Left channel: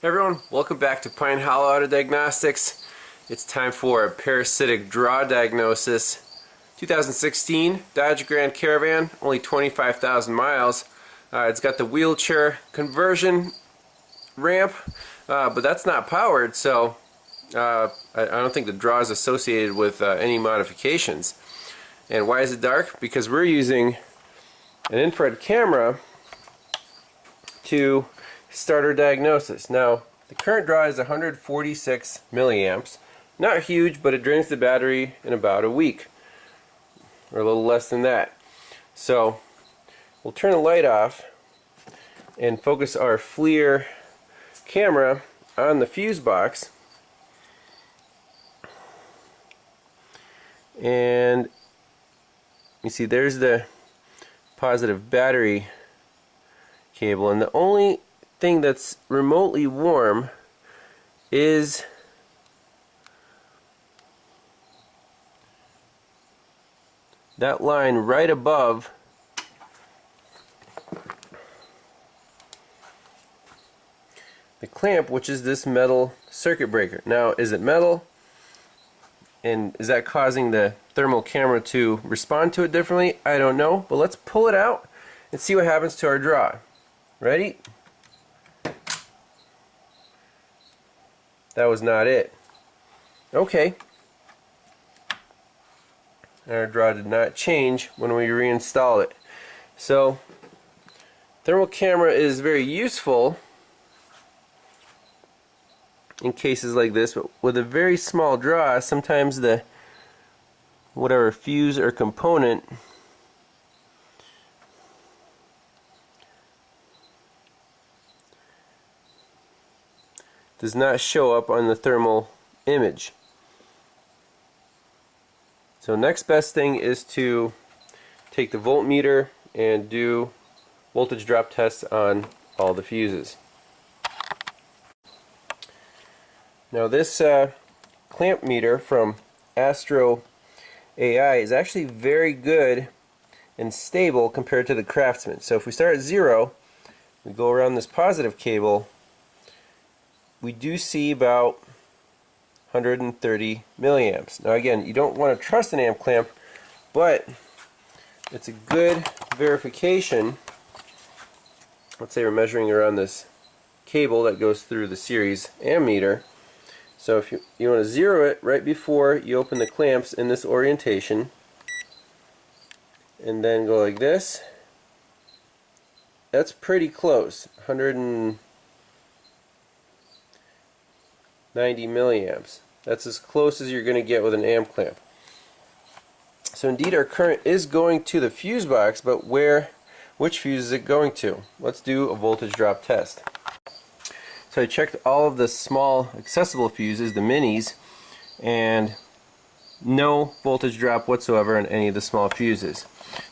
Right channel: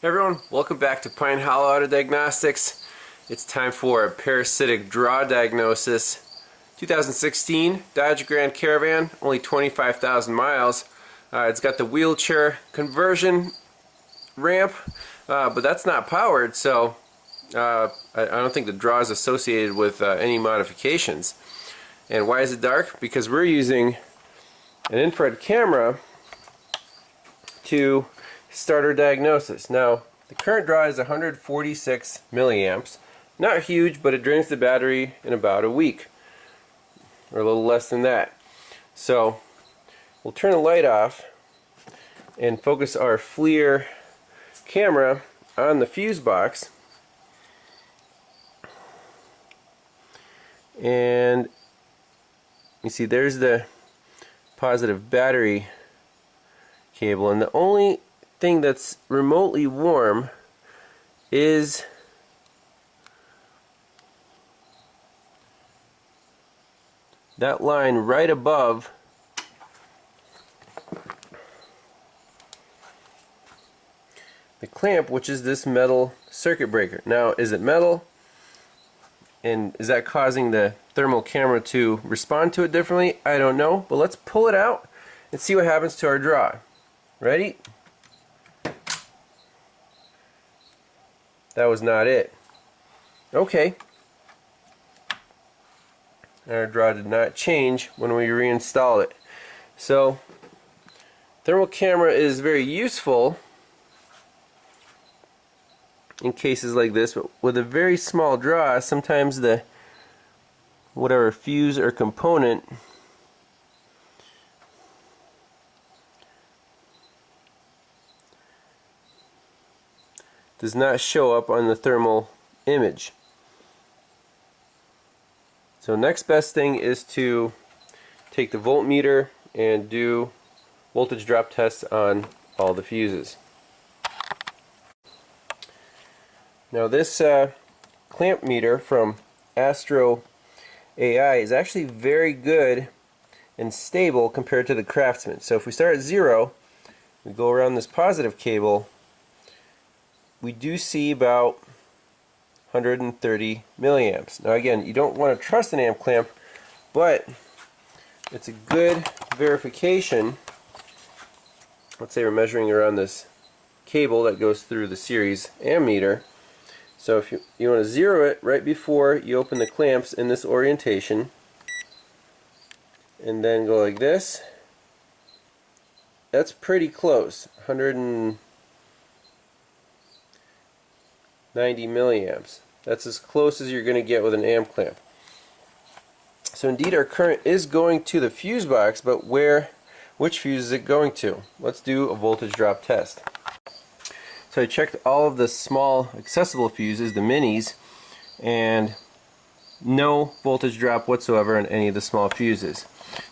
Hey everyone, welcome back to Pine Hollow Auto Diagnostics. It's time for a parasitic draw diagnosis. 2016 Dodge Grand Caravan, only 25,000 miles. It's got the wheelchair conversion ramp, but that's not powered, so I don't think the draw is associated with any modifications. And why is it dark? Because we're using an infrared camera to start our diagnosis. Now, the current draw is 146 milliamps. Not huge, but it drains the battery in about a week, or a little less than that. So, we'll turn the light off and focus our FLIR camera on the fuse box. And you see there's the positive battery cable, and the only thing that's remotely warm is that line right above the clamp, which is this metal circuit breaker. Now, is it metal? And is that causing the thermal camera to respond to it differently? I don't know, but let's pull it out and see what happens to our draw. Ready? That was not it. Okay. Our draw did not change when we reinstalled it. So, thermal camera is very useful in cases like this, but with a very small draw, sometimes the whatever fuse or component does not show up on the thermal image. So next best thing is to take the voltmeter and do voltage drop tests on all the fuses. Now this clamp meter from ASTRO AI is actually very good and stable compared to the Craftsman. So if we start at 0, we go around this positive cable, we do see about 130 milliamps. Now again, you don't want to trust an amp clamp, but it's a good verification. Let's say we're measuring around this cable that goes through the series ammeter. So if you want to zero it right before you open the clamps in this orientation, and then go like this, that's pretty close, 190 milliamps. That's as close as you're going to get with an amp clamp. So indeed our current is going to the fuse box, but which fuse is it going to? Let's do a voltage drop test. So I checked all of the small accessible fuses, the minis, and no voltage drop whatsoever on any of the small fuses.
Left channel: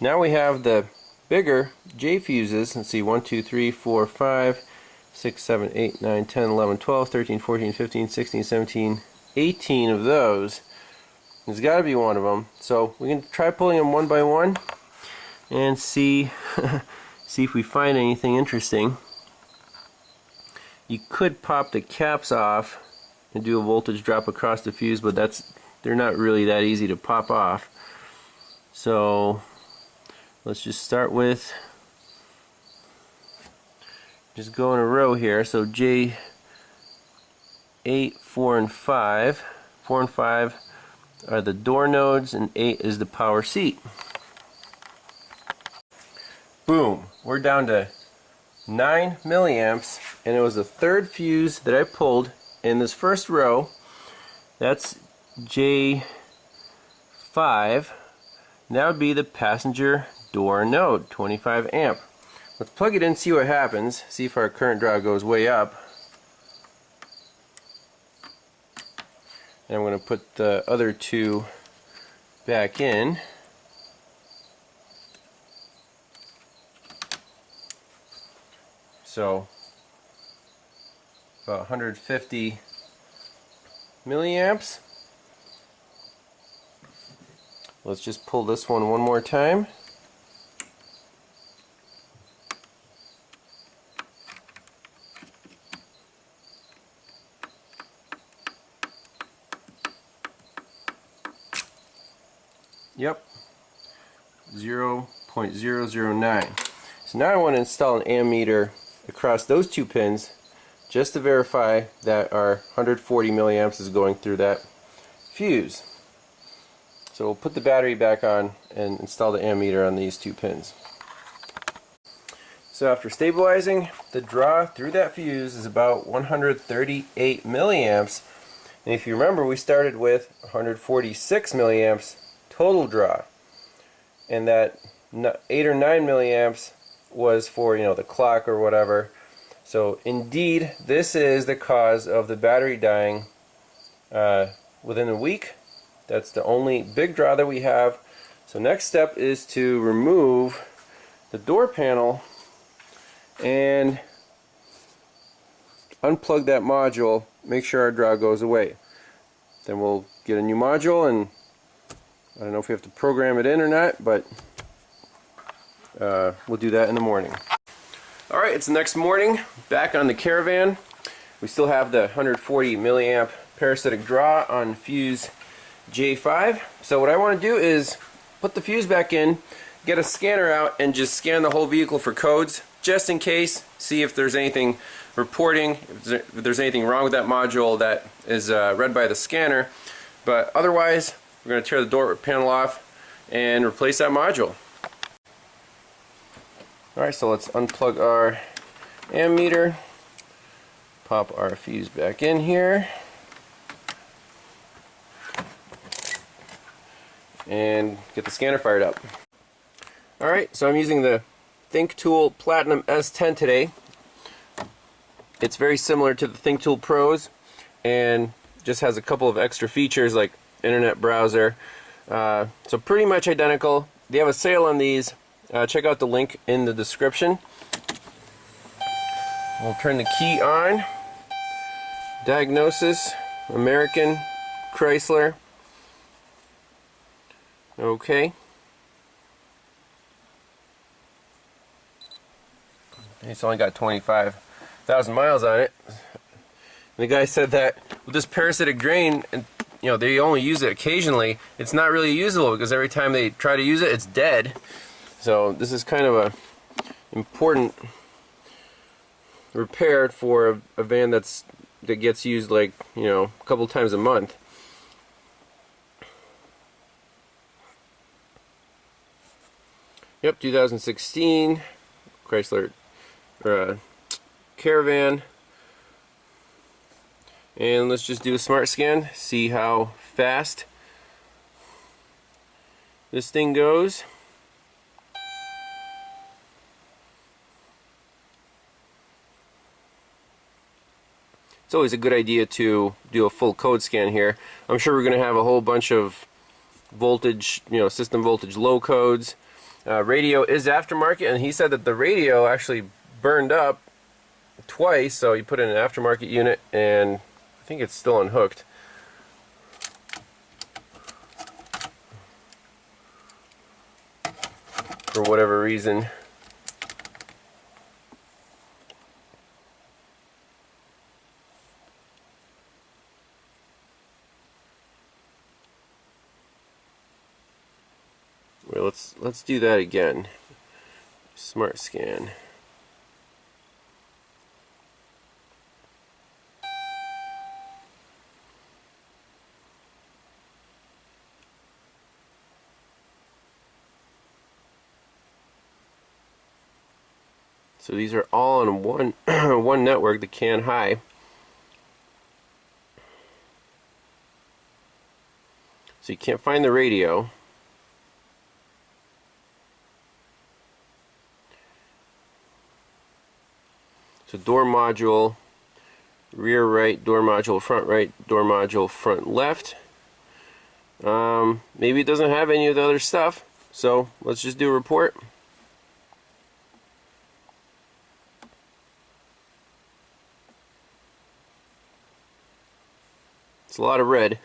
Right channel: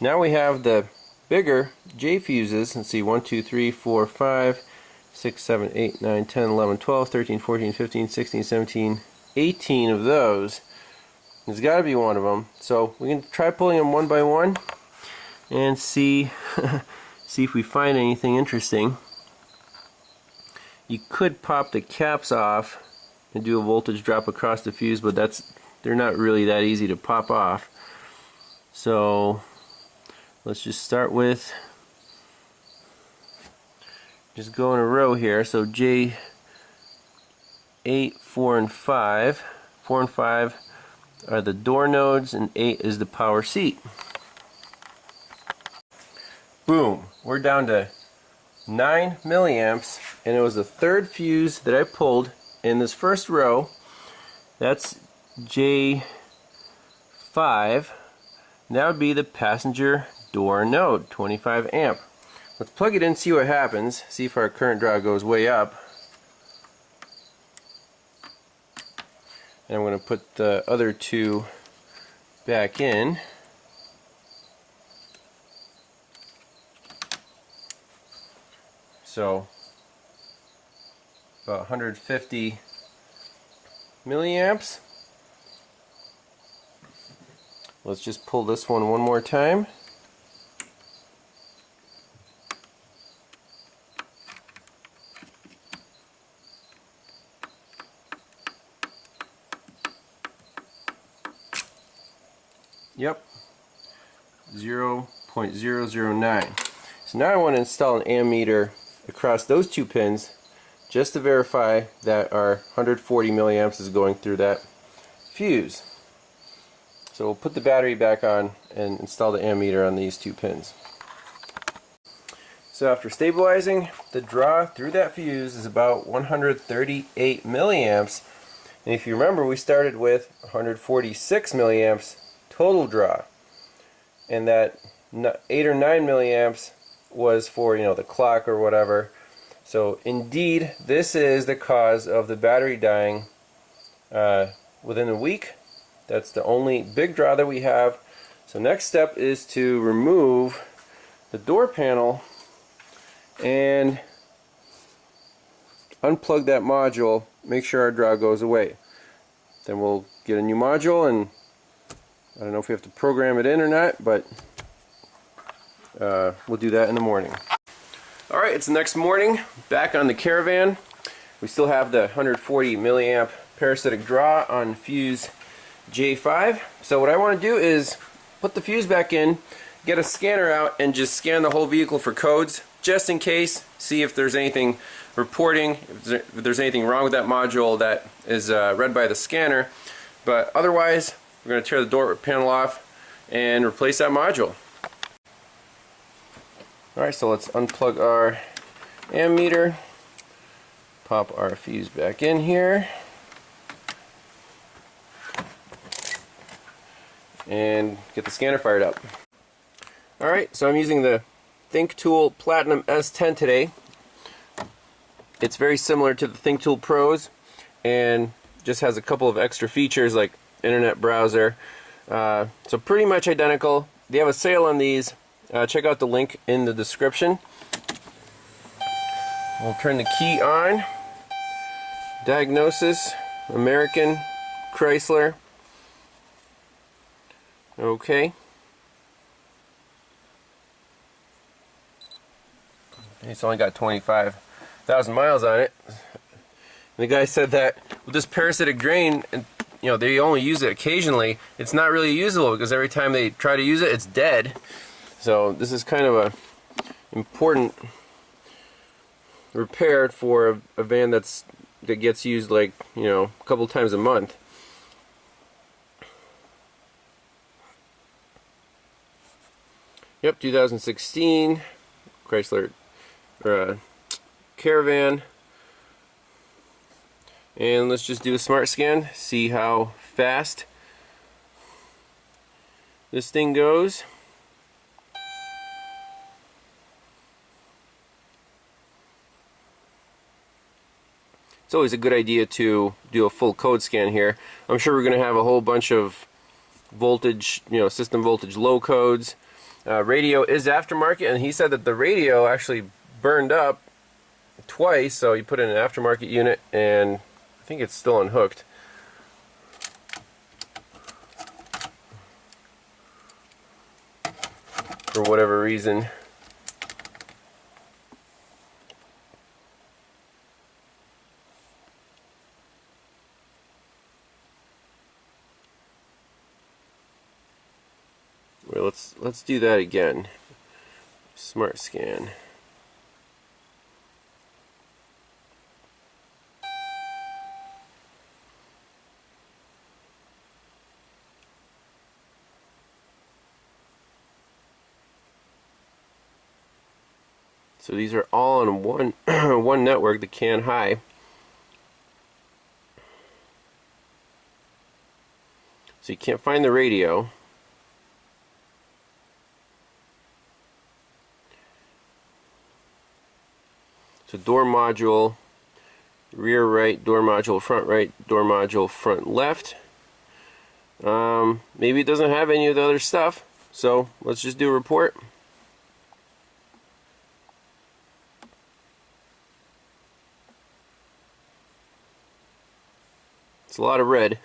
Now we have the bigger J fuses. Let's see, 1, 2, 3, 4, 5, 6, 7, 8, 9, 10, 11, 12, 13, 14, 15, 16, 17, 18 of those. There's got to be one of them. So we can try pulling them one by one and see if we find anything interesting. You could pop the caps off and do a voltage drop across the fuse, but they're not really that easy to pop off. So let's just start with, just go in a row here. So J8, 4, and 5. 4 and 5 are the door nodes, and 8 is the power seat. Boom! We're down to 9 milliamps, and it was the third fuse that I pulled in this first row. That's J5. That would be the passenger door node, 25 amp. Let's plug it in, see what happens, see if our current draw goes way up. And I'm going to put the other two back in. So about 150 milliamps. Let's just pull this one more time. Yep, 0.009. So now I want to install an ammeter across those two pins just to verify that our 140 milliamps is going through that fuse. So we'll put the battery back on and install the ammeter on these two pins. So after stabilizing, the draw through that fuse is about 138 milliamps. And if you remember, we started with 146 milliamps total draw. And that 8 or 9 milliamps was for, the clock or whatever. So indeed, this is the cause of the battery dying within a week. That's the only big draw that we have. So next step is to remove the door panel and unplug that module, make sure our draw goes away. Then we'll get a new module, and I don't know if we have to program it in or not, but we'll do that in the morning. Alright, it's the next morning, back on the Caravan. We still have the 140 milliamp parasitic draw on fuse J5. So what I want to do is put the fuse back in, get a scanner out, and just scan the whole vehicle for codes, just in case, see if there's anything reporting, if there's anything wrong with that module that is read by the scanner. But otherwise, we're going to tear the door panel off and replace that module. Alright, so let's unplug our ammeter, pop our fuse back in here, and get the scanner fired up. Alright, so I'm using the THINKTOOL Platinum S10 today. It's very similar to the THINKTOOL Pros and just has a couple of extra features like internet browser. So pretty much identical. They have a sale on these. Check out the link in the description. We'll turn the key on. Diagnosis, American, Chrysler. Okay. It's only got 25,000 miles on it. And the guy said that with this parasitic drain, and they only use it occasionally, it's not really usable because every time they try to use it, it's dead. So this is kind of a important repair for a van that gets used like a couple times a month. Yep, 2016 Chrysler Caravan. And let's just do a smart scan, see how fast this thing goes. It's always a good idea to do a full code scan here. I'm sure we're going to have a whole bunch of voltage, system voltage low codes. Radio is aftermarket, and he said that the radio actually burned up twice, so he put in an aftermarket unit, and I think it's still unhooked. For whatever reason. Well, let's do that again. Smart scan. So these are all on one one network, the CAN high. So you can't find the radio. So door module, rear right, door module, front left. Maybe it doesn't have any of the other stuff. So let's just do a report. It's a lot of red.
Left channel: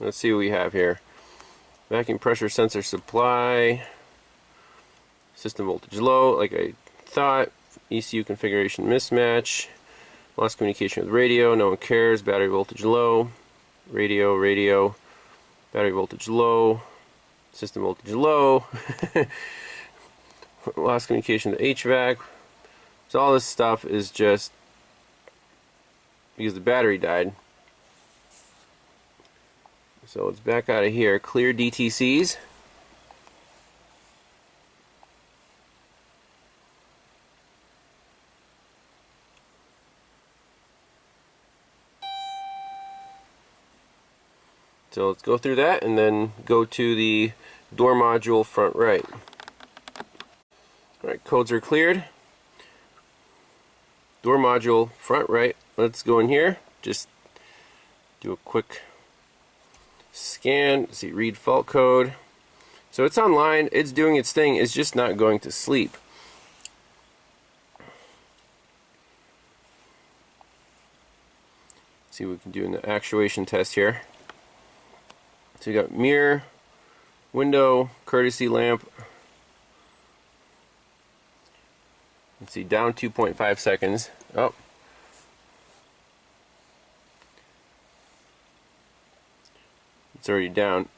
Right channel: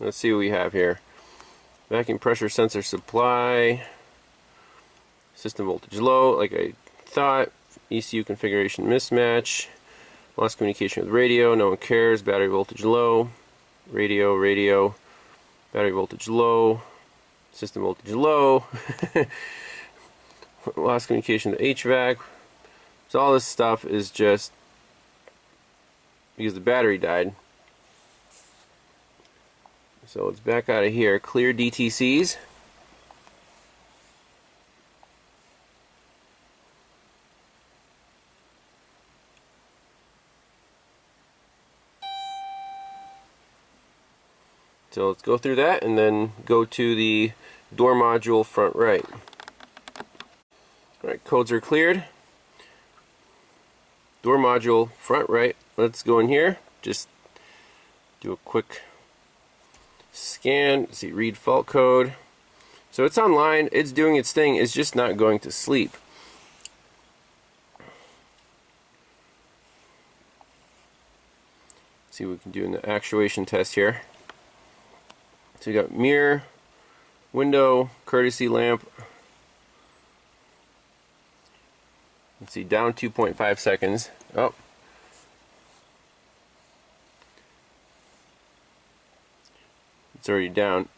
Let's see what we have here. Vacuum pressure sensor supply. System voltage low, like I thought. ECU configuration mismatch. Lost communication with radio, no one cares. Battery voltage low. Radio. Battery voltage low. System voltage low. Lost communication with HVAC. So all this stuff is just because the battery died. So it's back out of here. Clear DTCs. So let's go through that and then go to the door module front right. Alright, codes are cleared. Door module front right. Let's go in here. Just do a quick scan. See, read fault code. So it's online. It's doing its thing. It's just not going to sleep. See what we can do in the actuation test here. So you got mirror, window, courtesy lamp. Let's see, down 2.5 seconds. Oh. It's already down.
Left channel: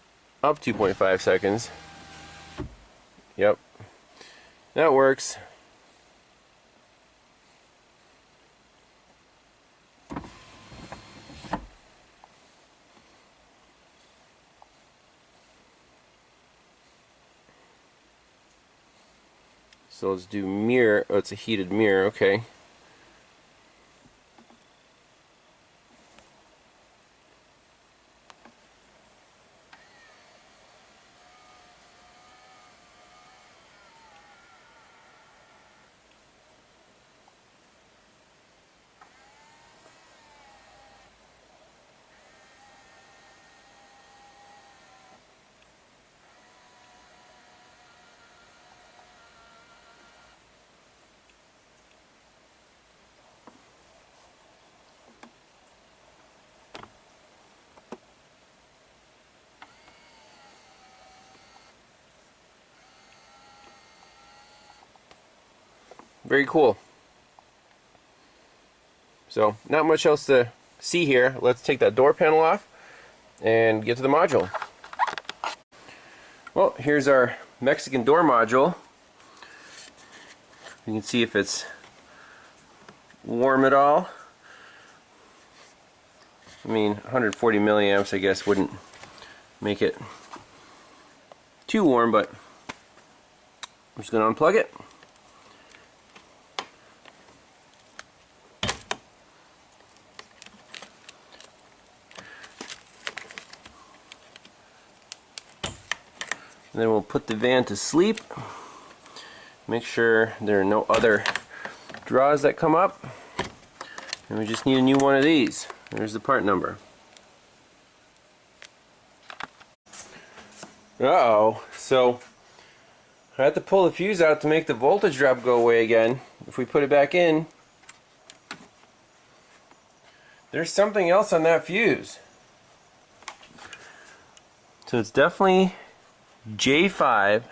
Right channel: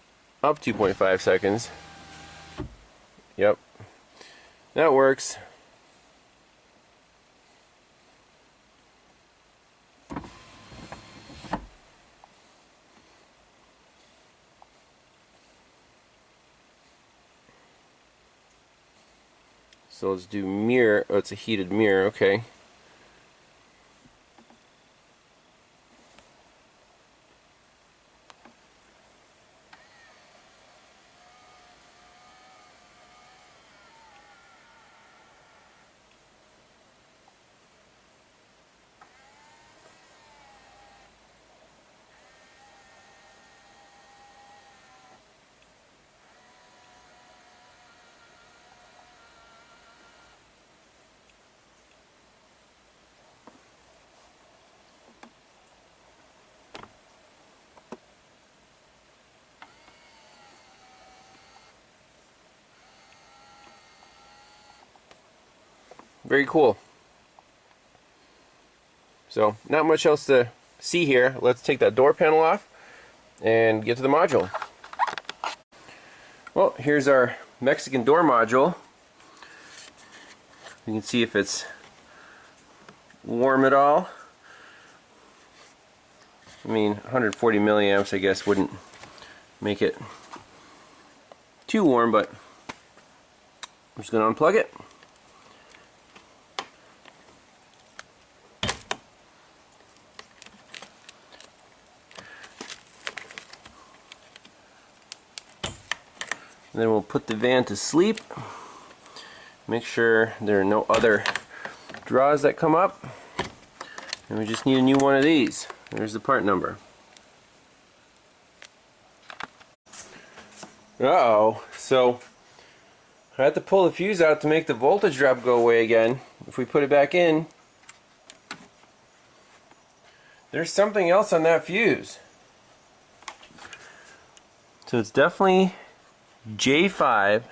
Up 2.5 seconds. Yep. That works. So let's do mirror. Oh, it's a heated mirror. Okay. Very cool. So, not much else to see here. Let's take that door panel off and get to the module. Well, here's our Mexican door module. You can see if it's warm at all. I mean, 140 milliamps I guess wouldn't make it too warm, but I'm just going to unplug it. And then we'll put the van to sleep. Make sure there are no other draws that come up. And we just need a new one of these. There's the part number. Uh-oh. So I had to pull the fuse out to make the voltage drop go away again. If we put it back in, there's something else on that fuse. So it's definitely J5,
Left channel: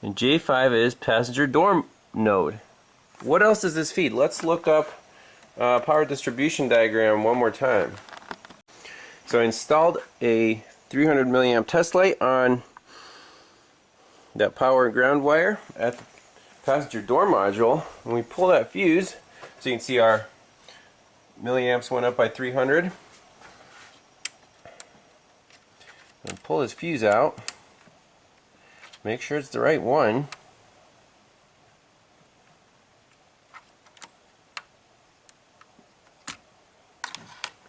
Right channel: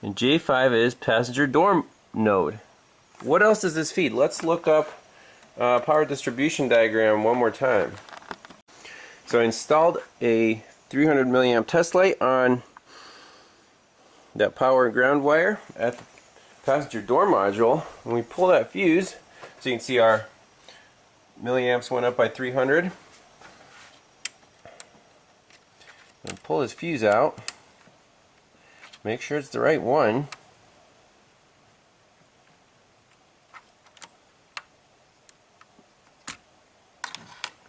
and J5 is passenger door node. What else does this feed? Let's look up power distribution diagram one more time. So I installed a 300 milliamp test light on that power and ground wire at the passenger door module. When we pull that fuse, so you can see our milliamps went up by 300. And pull this fuse out. Make sure it's the right one.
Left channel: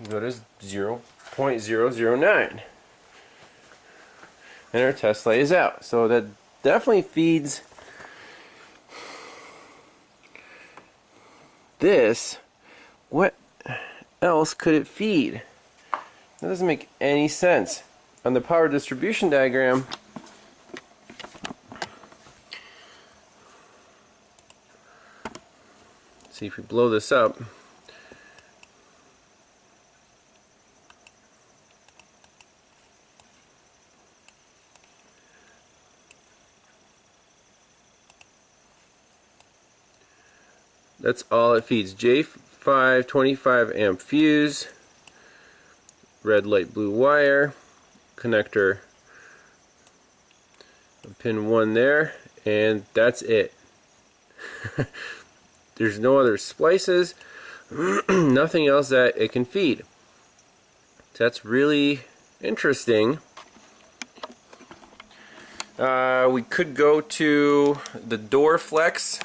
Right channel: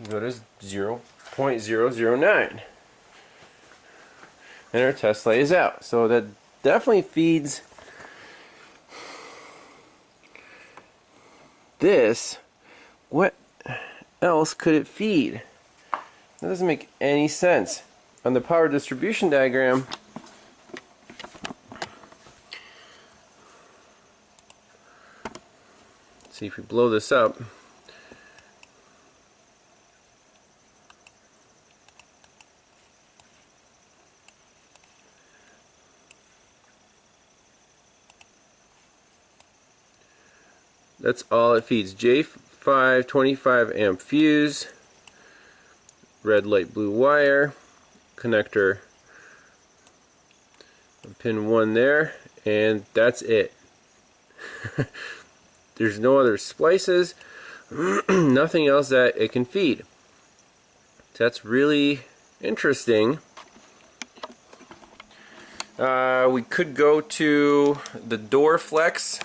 Go to 0.009. And our test light is out. So that definitely feeds this. What else could it feed? That doesn't make any sense. On the power distribution diagram, see if we blow this up. That's all it feeds. J5 25 amp fuse, red, light, blue wire, connector, pin 1 there, and that's it. There's no other splices, nothing else that it can feed. So that's really interesting. We could go to the door flex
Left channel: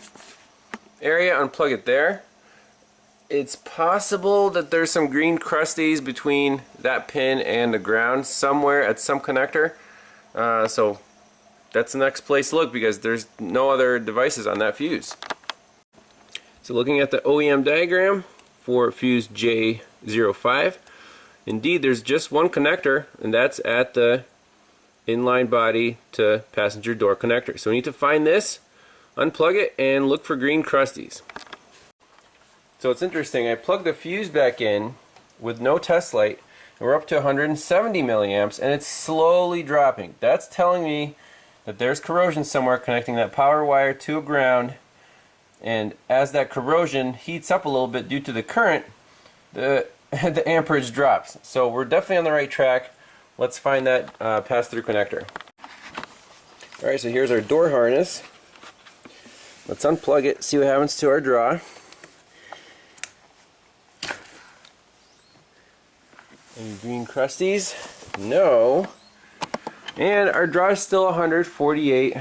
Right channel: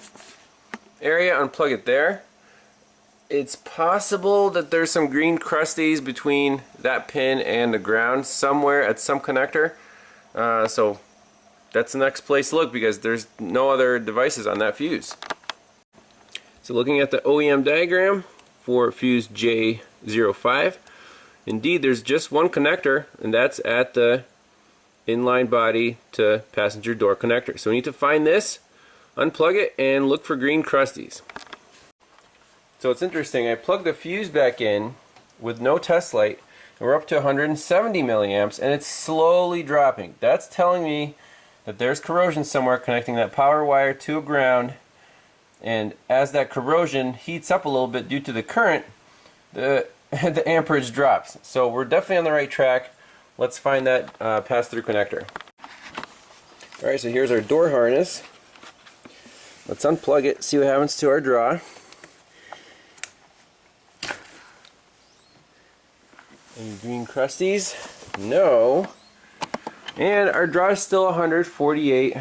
area, unplug it there. It's possible that there's some green crusties between that pin and the ground somewhere at some connector. So that's the next place to look, because there's no other devices on that fuse. So looking at the OEM diagram for fuse J05, indeed there's just one connector, and that's at the inline body to passenger door connector. So we need to find this, unplug it, and look for green crusties. So it's interesting, I plugged the fuse back in with no test light, and we're up to 170 milliamps, and it's slowly dropping. That's telling me that there's corrosion somewhere connecting that power wire to a ground, and as that corrosion heats up a little bit due to the current, the amperage drops. So we're definitely on the right track. Let's find that pass-through connector. Alright, so here's our door harness. Let's unplug it, see what happens to our draw. Any green crusties? No. And our draw is still 148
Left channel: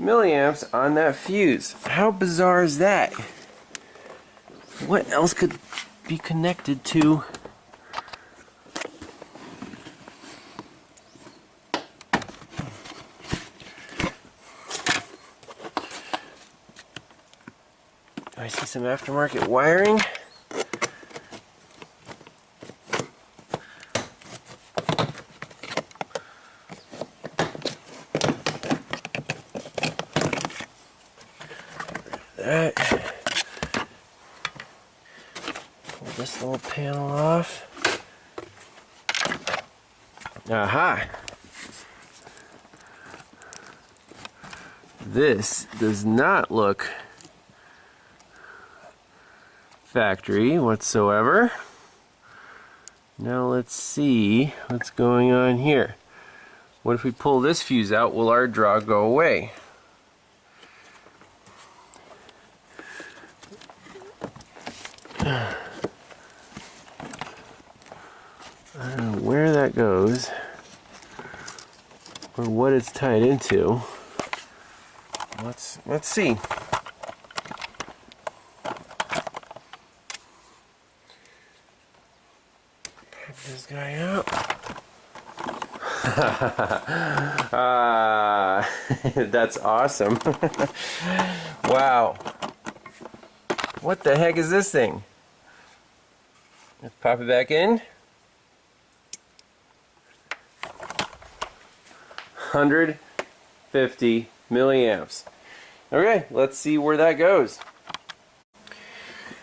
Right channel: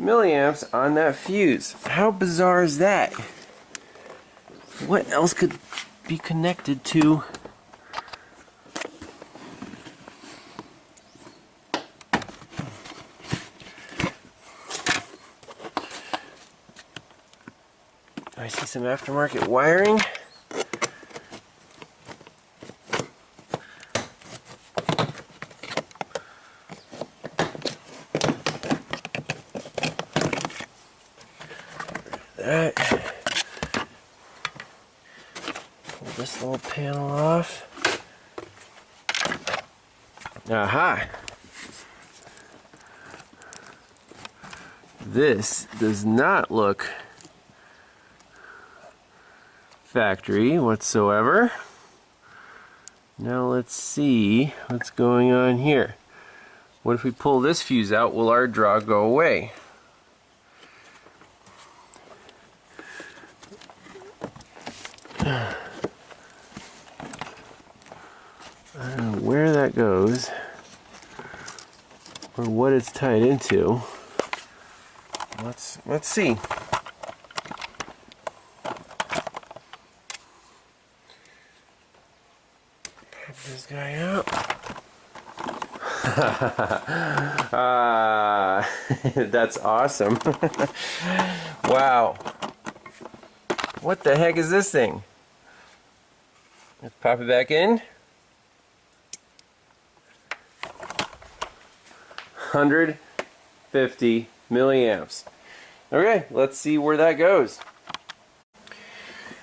milliamps on that fuse. How bizarre is that? What else could be connected to I see some aftermarket wiring. That. Pull this little panel off. Aha! This does not look factory whatsoever. Now let's see what's going on here. What if we pull this fuse out? Will our draw go away? I don't know where that goes or what it's tied into. Let's see. Pop this guy out. That's awesome. Wow. What the heck is this thing? Let's pop it back in. 150 milliamps. Okay, let's see where that goes.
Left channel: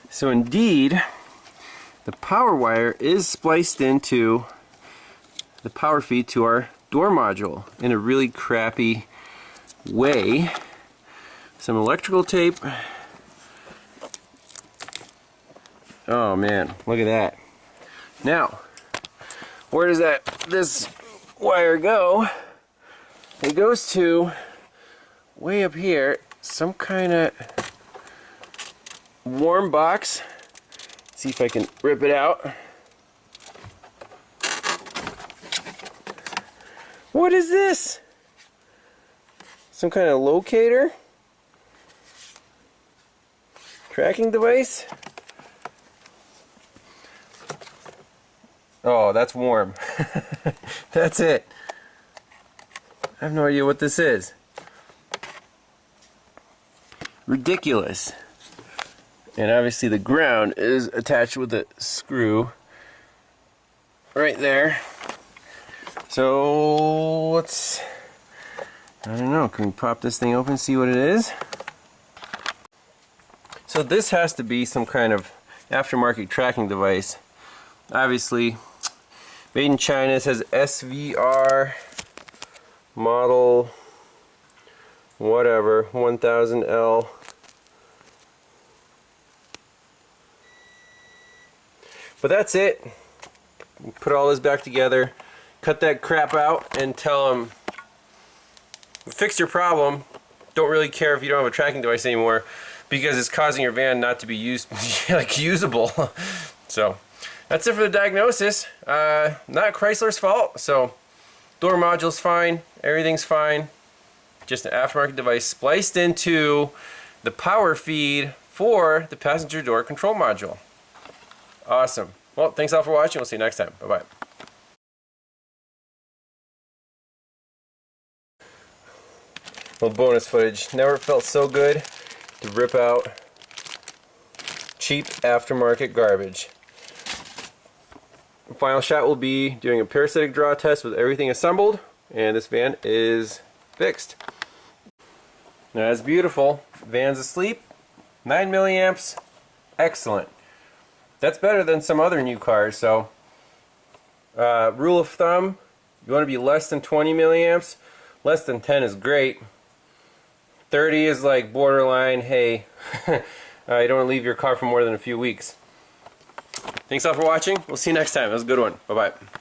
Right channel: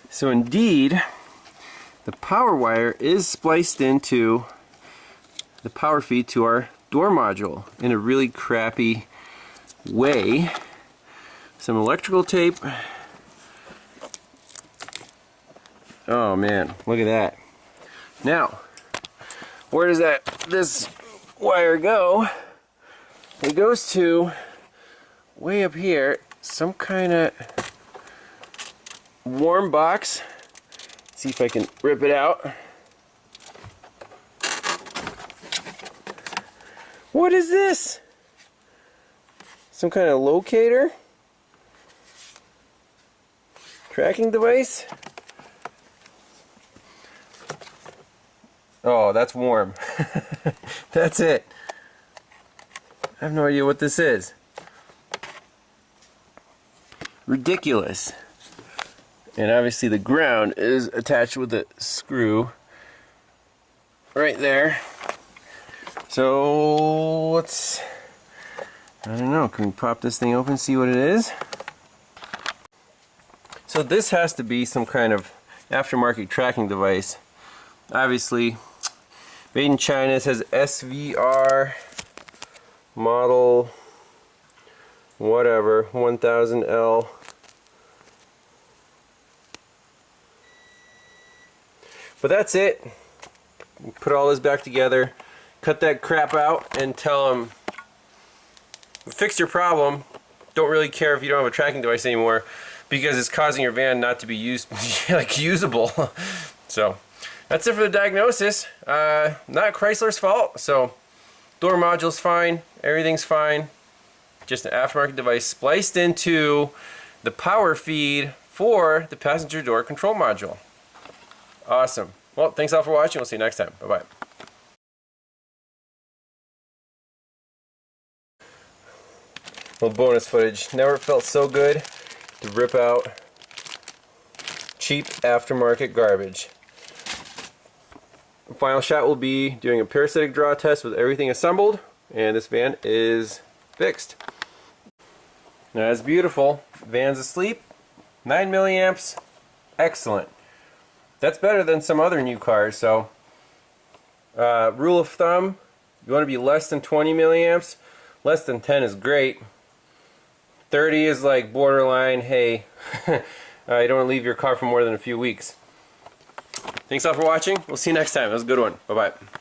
So indeed, the power wire is spliced into the power feed to our door module in a really crappy way. Some electrical tape. Oh man, look at that. Now, where does this wire go? It goes to way up here, some kind of warm box. Let's see if I can rip it out. What is this? Some kind of locator? Tracking device? Oh, that's warm. That's it. I have no idea what this is. Ridiculous. And obviously the ground is attached with a screw right there. So let's, I don't know, can we pop this thing open, see what it is? So this has to be some kind of aftermarket tracking device. Obviously made in China. It says SVR model whatever 1000L. But that's it. Put all this back together, cut that crap out, and tell them, fix your problem. Don't really care if you don't have a tracking device anymore, because it's causing your van not to be usable. So that's it for the diagnosis. Not Chrysler's fault. So door module's fine, everything's fine. Just an aftermarket device spliced into the power feed for the passenger door control module. Awesome. Well, thanks all for watching. We'll see you next time. Bye-bye. Little bonus footage. Never felt so good to rip out cheap aftermarket garbage. The final shot will be doing a parasitic draw test with everything assembled, and this van is fixed. Now that's beautiful. Van's asleep. 9 milliamps. Excellent. That's better than some other new cars. So rule of thumb, you want to be less than 20 milliamps. Less than 10 is great. 30 is like borderline. Hey, you don't want to leave your car for more than a few weeks. Thanks all for watching. We'll see you next time. That was a good one. Bye-bye.